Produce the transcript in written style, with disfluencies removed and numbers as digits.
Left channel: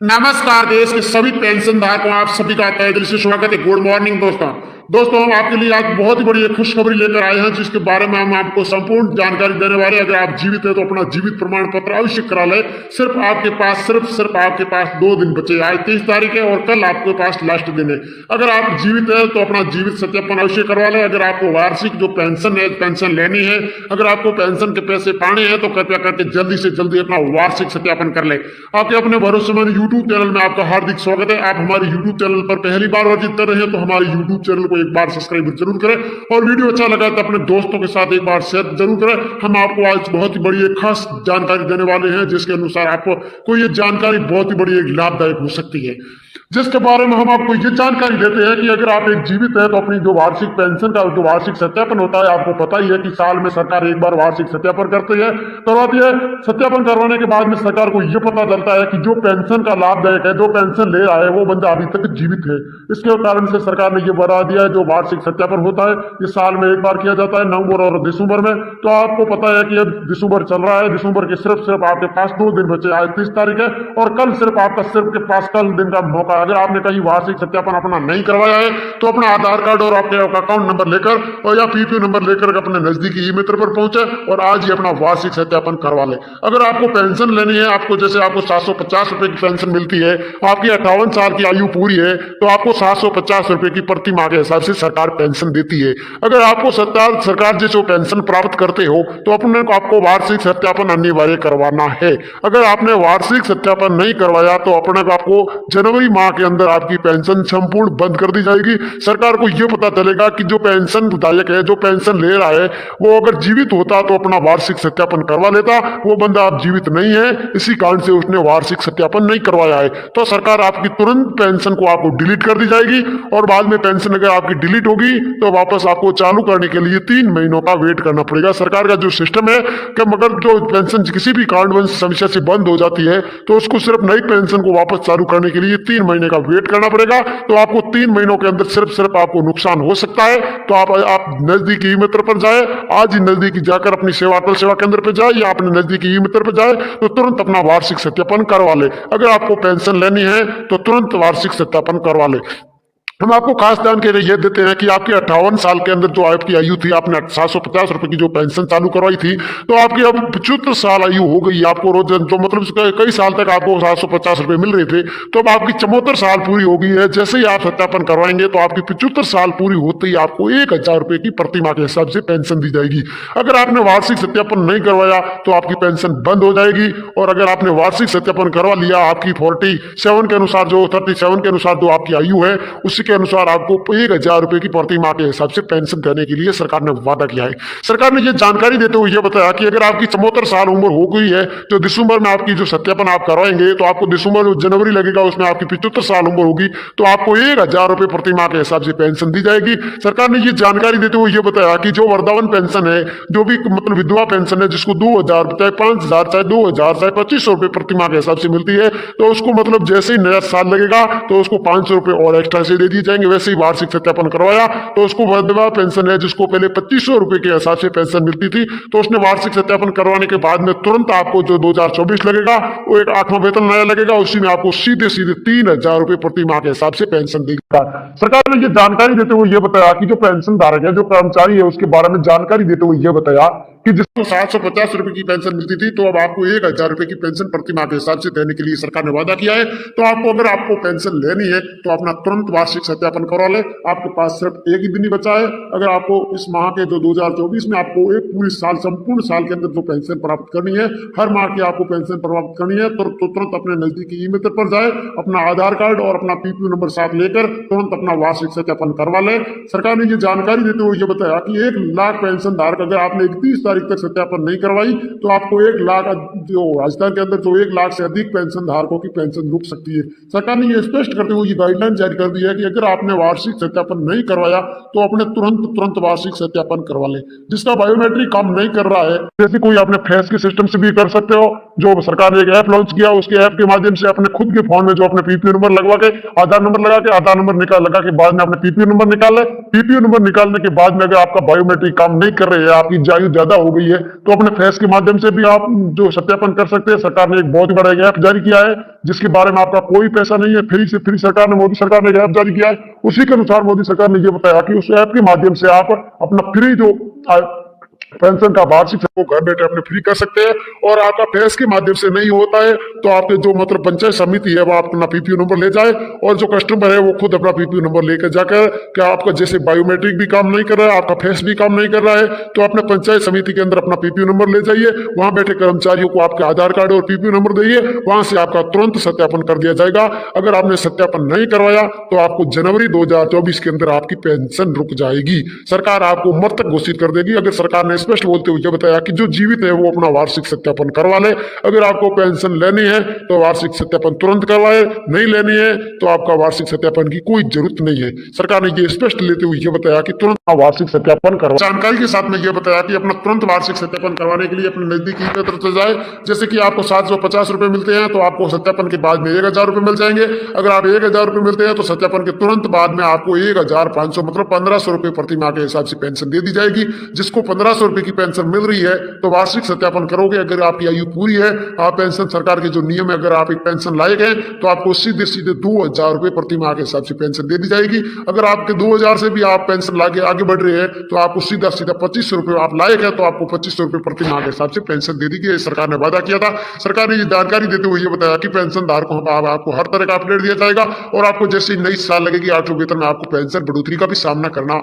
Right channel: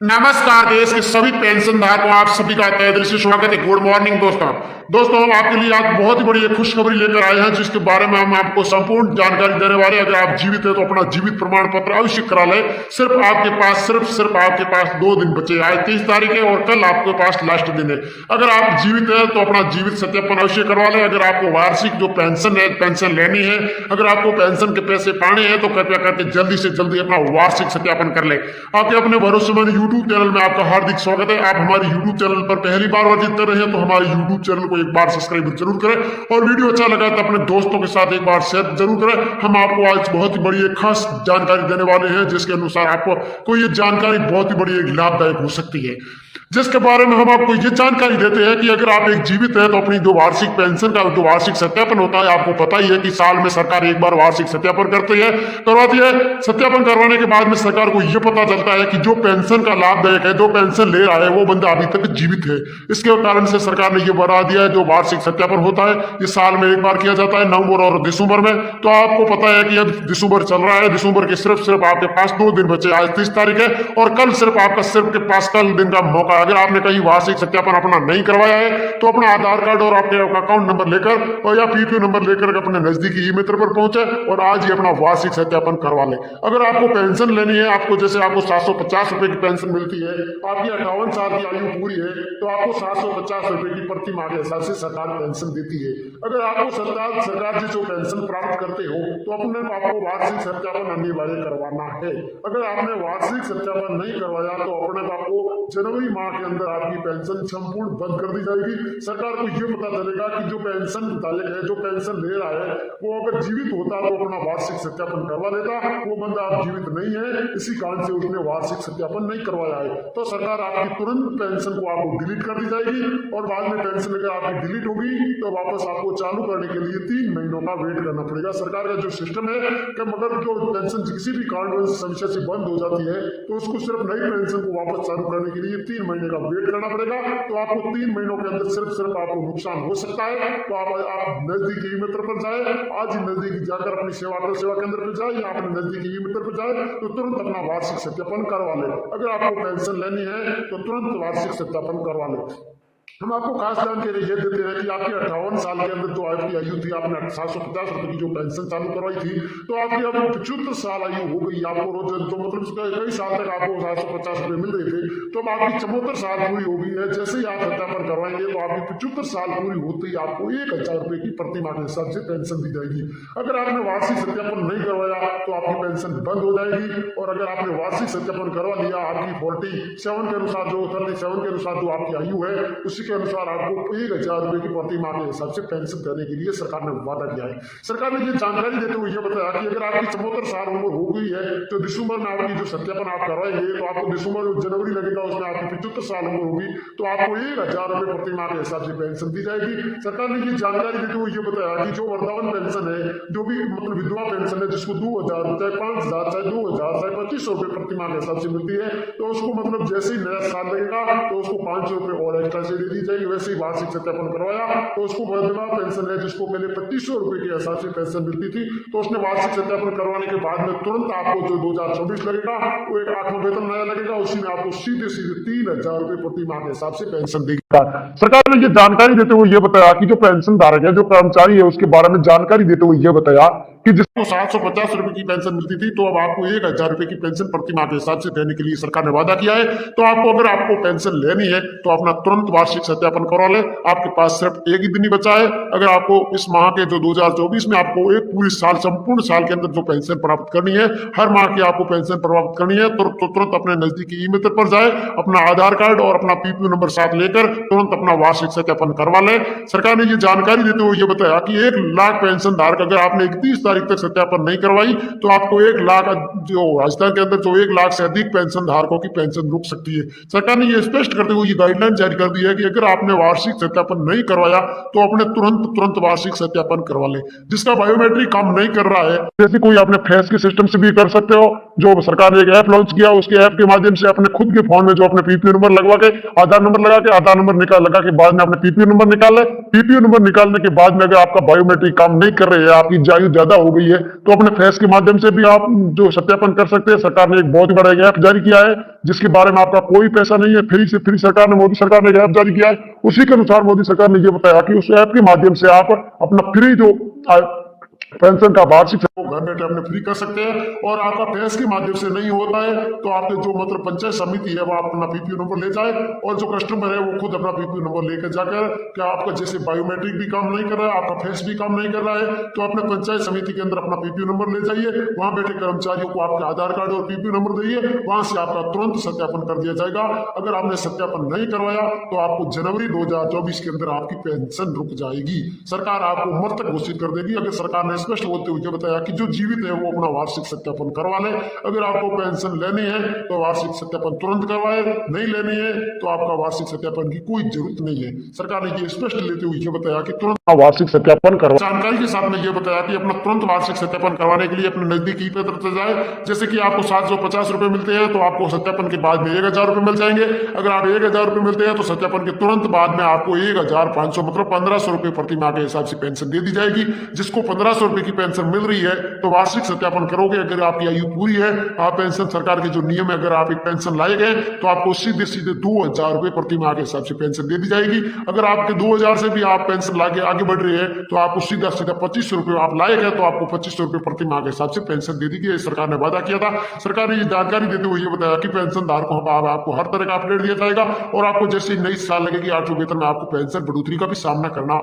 नमस्कार। देश के सभी पेंशन धारकों आप सभी का तहे दिल से स्वागत है। गुड मॉर्निंग दोस्तों हम आपके लिए आज बहुत ही बड़ी एक खुशखबरी लेकर आए हैं, जिसके बारे में हम आपको संपूर्ण जानकारी देने वाले हैं। अगर आप जीवित हैं तो अपना जीवित प्रमाण पत्र अवश्य करा लें। सिर्फ आपके पास 2 दिन बचे। आज 30 तारीख है और कल आपके पास लास्ट दिन है। अगर आप जीवित हैं तो अपना जीवित सत्यापन अवश्य करवा लें। अगर आपको वार्षिक जो पेंशन है, पेंशन लेनी है, अगर आपको पेंशन के पैसे पाने हैं तो कृपया करके जल्दी से जल्दी अपना वार्षिक सत्यापन कर ले। आपके अपने भरोसेमंद यूट्यूब चैनल में आपका हार्दिक स्वागत है। आप हमारे यूट्यूब चैनल पर पहली बार विजिट कर रहे हैं तो हमारे यूट्यूब चैनल को एक बार सब्सक्राइब जरूर करें और वीडियो अच्छा लगा तो अपने दोस्तों के साथ एक बार शेयर जरूर करें। हम आपको आज बहुत ही बड़ी एक खास जानकारी देने वाले हैं, जिसके अनुसार आपको ये जानकारी बहुत ही बड़ी एक लाभदायक हो सकती है, जिसके बारे में हम आपको ये जानकारी देते हैं कि अगर आप एक जीवित है तो अपनी जो वार्षिक पेंशन का जो वार्षिक सत्यापन होता है, आपको पता ही है कि साल में सरकार एक बार वार्षिक सत्यापन करवाती है। सत्यापन करवाने के बाद में सरकार को यह पता चलता है कि जो पेंशन का लाभदायक है, जो पेंशन ले रहा है, वो बंदा अभी तक जीवित है। इसके कारण से सरकार ने यह बढ़ा दिया है। जो वार्षिक सत्यापन होता है ये साल में एक बार किया जाता है, नवंबर और दिसंबर में। तो आपको पता है कि अब दिसंबर चल रहा है। दिसंबर के सिर्फ आपके पास 2 दिन बचे। आज 30 तारीख है और कल सिर्फ के पास कल दिन का मौका। अगर आपने कहीं वार्षिक सत्यापन अपना नहीं करवाया है तो अपना आधार कार्ड और अपने अकाउंट नंबर लेकर और या पीपीओ नंबर लेकर अपने नजदीकी ई मित्र पर पहुंचे और आज ही अपना वार्षिक सत्यापन करवा ले। अगर आपको पेंशन लेनी है, आपको 750 रुपए की पेंशन मिलती है, आपकी 58 साल की आयु पूरी है तो आपको 750 रुपए की प्रति माह के हिसाब से सरकार पेंशन देती है। अगर आपको सरकार जो पेंशन प्राप्त करते हो तो आपको वार्षिक सत्यापन अनिवार्य करवाना है। अगर आपने वार्षिक सत्यापन नहीं करवाया तो आपको जनवरी माह के अंदर आपकी पेंशन संपूर्ण बंद कर दी जाएगी। सरकार को यह पता चलेगा कि जो पेंशन विधायक है, जो पेंशन ले रहा है, वो अगर जीवित होता तो अपना वार्षिक सत्यापन करवा लेता। वो बंदा अब जीवित नहीं है, इसी कारण से उसने वार्षिक सत्यापन नहीं करवाया है। तो सरकार आपकी तुरंत पेंशन को आपको डिलीट कर दी जाएगी और बाद में पेंशन अगर आपकी डिलीट होगी तो वापस आपको चालू करने के लिए 3 महीनों का वेट करना पड़ेगा। सरकार का जो सिस्टम है कि मगर जो पेंशन किसी भी कारणवश समस्या से बंद हो जाती है तो उसको सिर्फ नई पेंशन को वापस चालू करने के लिए 3 महीने का वेट करना पड़ेगा। तो आपको 3 महीनों के अंदर सिर्फ आपको नुकसान हो सकता है। तो आप नजदीकी ई मित्र पर जाए, आज ही नजदीकी जाकर अपनी अटल सेवा केंद्र पर जाए या अपने नजदीकी ई मित्र पर जाए तो तुरंत अपना वार्षिक सत्यापन करवा ले। अगर आपको पेंशन लेनी है तो तुरंत वार्षिक सत्यापन करवा ले। हम आपको खास जानकारी ये देते हैं कि आपकी 58 साल के अंदर जो आपकी आयु थी, आपने 750 रुपए की जो पेंशन चालू करवाई थी तो आपकी अब 75 साल आयु हो गई। आपको रोज तो मतलब कई साल तक आपको 750 रुपए मिल रहे थे, तो अब आपकी 74 साल पूरी हो गई है। जैसे ही आप सत्यापन करवाएंगे तो आपकी 75 साल पूरी होते ही आपको 1000 रुपए की प्रति माह के हिसाब से पेंशन दी जाएगी। अगर आपने वार्षिक सत्यापन नहीं करवाया तो आपकी पेंशन बंद हो जाएगी और अगर आपने वार्षिक सत्यापन करवा लिया, आपकी 47 के अनुसार जो 37 के अनुसार जो आपकी आयु है उसी के अनुसार आपको 1000 रुपए की प्रति माह के हिसाब से पेंशन देने के लिए सरकार ने वादा किया है। सरकार ने यह जानकारी देते हुए यह बताया कि अगर आपकी 74 साल उम्र हो गई है तो दिसंबर में आपकी जो सत्यापन आप करवाएंगे तो आपको दिसंबर जनवरी लगेगा, उसमें आपकी 75 साल उम्र होगी तो आपको 1000 रुपए प्रति माह के हिसाब से पेंशन दी जाएगी। सरकार ने यह जानकारी देते हुए यह बताया कि जो वृद्धावन पेंशन है, जो भी मतलब विधवा पेंशन है, जिसको 2000 चाहे 5000 चाहे 2000 चाहे 2500 रुपए प्रति माह के हिसाब से मिलती है, तो उसको मतलब जैसे ही नया साल लगेगा तो उसको 500 रुपए और एक्स्ट्रा से दे दी जाएंगे। वैसे ही वार्षिक सत्यापन करवाया तो उसको विधवा पेंशन है, जिसको पहले 2500 रुपए के हिसाब से पेंशन मिलती थी, तो उसने वार्षिक सत्यापन करवाने के बाद में तुरंत आपको जो 2024 लगेगा वो एक 8वां वेतन नया लगेगा, उसी में आपको सीधे 3000 रुपए प्रति माह के हिसाब से पेंशन देगी। सरकार ने ये जानकारी देते हुए ये बताया कि जो पेंशन धारक है, जो कर्मचारी है, उसके बारे में जानकारी देते हुए ये बताया कि जिसको 750 रुपए की पेंशन मिलती थी तो अब आपको 1000 रुपए की पेंशन प्रति माह के हिसाब से देने के लिए सरकार ने वादा किया है। तो अगर आपको पेंशन लेनी है तो अपना तुरंत वार्षिक सत्यापन करवा ले। आपके पास सिर्फ एक ही दिन ही बचा है। अगर आपको इस माह के जो 2024 में आपको एक पूरी साल संपूर्ण साल के अंदर जो पेंशन प्राप्त करनी है, हर माह की आपको पेंशन प्राप्त करनी है तो तुरंत अपने नजदीकी ई मित्र पर जाए, अपना आधार कार्ड और अपना पीपीओ नंबर साथ लेकर तुरंत अपना वार्षिक सत्यापन करवा ले। सरकार ने ये जानकारी देते हुए ये बताया कि 1 लाख पेंशन धारक अगर आपने 31 तारीख तक सत्यापन नहीं करवाई तो आपको 1 लाख जो राजस्थान के अंदर जो 1 लाख से अधिक पेंशन धारकों की पेंशन रुक सकती है। सरकार ने ये स्पष्ट करते हुए ये गाइडलाइन जारी कर दी है कि अगर आपने वार्षिक सत्यापन नहीं करवाया तो अपने तुरंत वार्षिक सत्यापन करवा ले। जिसका बायोमेट्रिक काम नहीं कर रहा है, जैसे कोई अपने फेस के सिस्टम से भी कर सकते हो। जो सरकार ने एक ऐप लॉन्च किया, उसके ऐप के माध्यम से अपने खुद के फोन में जो अपने पीपीओ नंबर लगवा के आधार नंबर लगा के आधार नंबर लगा के बाद में अपने पीपीओ नंबर निकाल ले। पीपीओ नंबर निकालने के बाद में अगर आपका बायोमेट्रिक काम नहीं कर रहे हैं, आपकी आयु ज्यादा हो गई रही है, तो अपने फेस के माध्यम से भी आप जो सत्यापन कर सकते हैं। सरकार ने एक बहुत ही बड़ा ऐप जारी किया है, जिसके बारे में आपका कोई पैसा नहीं है, फ्री से फ्री सरकार ने, मोदी सरकार ने ऐप जारी किया है। उसी के अनुसार मोदी सरकार ने ये बताया कि उस ऐप के माध्यम से आप अपना फ्री जो पेंशन का वार्षिक वो घर बैठे अपने फ्री कर सकते हैं। और आपका फेस के माध्यम से नहीं होता है तो आपके जो मतलब पंचायत समिति है वो अपना पीपीओ नंबर ले जाए, और जो कस्टमर है वो खुद अपना पीपीओ नंबर लेकर जाकर, क्या आपका जैसे बायोमेट्रिक भी काम नहीं कर रहा है, आपका फेस भी काम नहीं कर रहा है, तो अपने पंचायत समिति के अंदर अपना पीपीओ नंबर ले जाइए, वहां बैठे कर्मचारियों को आपके आधार कार्ड और पीपीओ नंबर दिए, वहां से आपका तुरंत सत्यापन कर दिया जाएगा। अगर आपने सत्यापन नहीं करवाया तो आपको जनवरी 2024 के अंदर आपकी पेंशन रुक जाएगी, सरकार आपको मर तक घोषित कर देगी। अगर सरकार ने स्पष्ट बोलते हुए बताया कि जो जीवित है वो अपना वार्षिक सत्यापन करवा ले, अगर आपको पेंशन लेनी है तो वार्षिक सत्यापन तुरंत करवाए, नहीं लेनी है तो आपका वार्षिक सत्यापन की कोई जरूरत नहीं है। सरकार ने ये स्पष्ट लेते हुए ये बताया कि तुरंत वार्षिक सत्यापन करवा। जानकारी के साथ में ये बताया कि अपना तुरंत वार्षिक सत्यापन करवाने के लिए अपने नजदीकी केंद्र पर जाए। जैसे कि आपको 750 रुपए मिलते हैं तो आपको सत्यापन के बाद में 1000 रुपए मिल जाएंगे। अगर आप 1000 रुपए मिलते हैं तो सत्यापन के तुरंत बाद में आपको 1500 मतलब 1500 रुपए प्रति माह के हिसाब से पेंशन दे दी जाएगी। जिसको 1500 रुपए की पेंशन मिल रही है तो वार्षिक सत्यापन करोगे, अगर आपकी आयु पूरी है, आप पेंशन सरकार के जो नियम है, अगर आप एक पेंशन लायक हैं तो आपको सीधे सीधे 2000 रुपए प्रति माह के हिसाब से पेंशन दे दी जाएगी। अगर आपके 2000 से भी आप पेंशन लाके आगे बढ़ रहे हैं तो आपको सीधा सीधा 2500 रुपए, आप लायक है तो आपको 2500 रुपए प्रति माह के हिसाब से पेंशन दे दी गई। सरकार ने वादा किया था। सरकार ने ये जानकारी देते हुए ये बताया कि पेंशन धारकों को आपको हर तरह का अपडेट दिया जाएगा, और आपको जैसे नई साल लगेगी 8 वेतन में आपको पेंशन बढ़ोतरी का भी सामना करना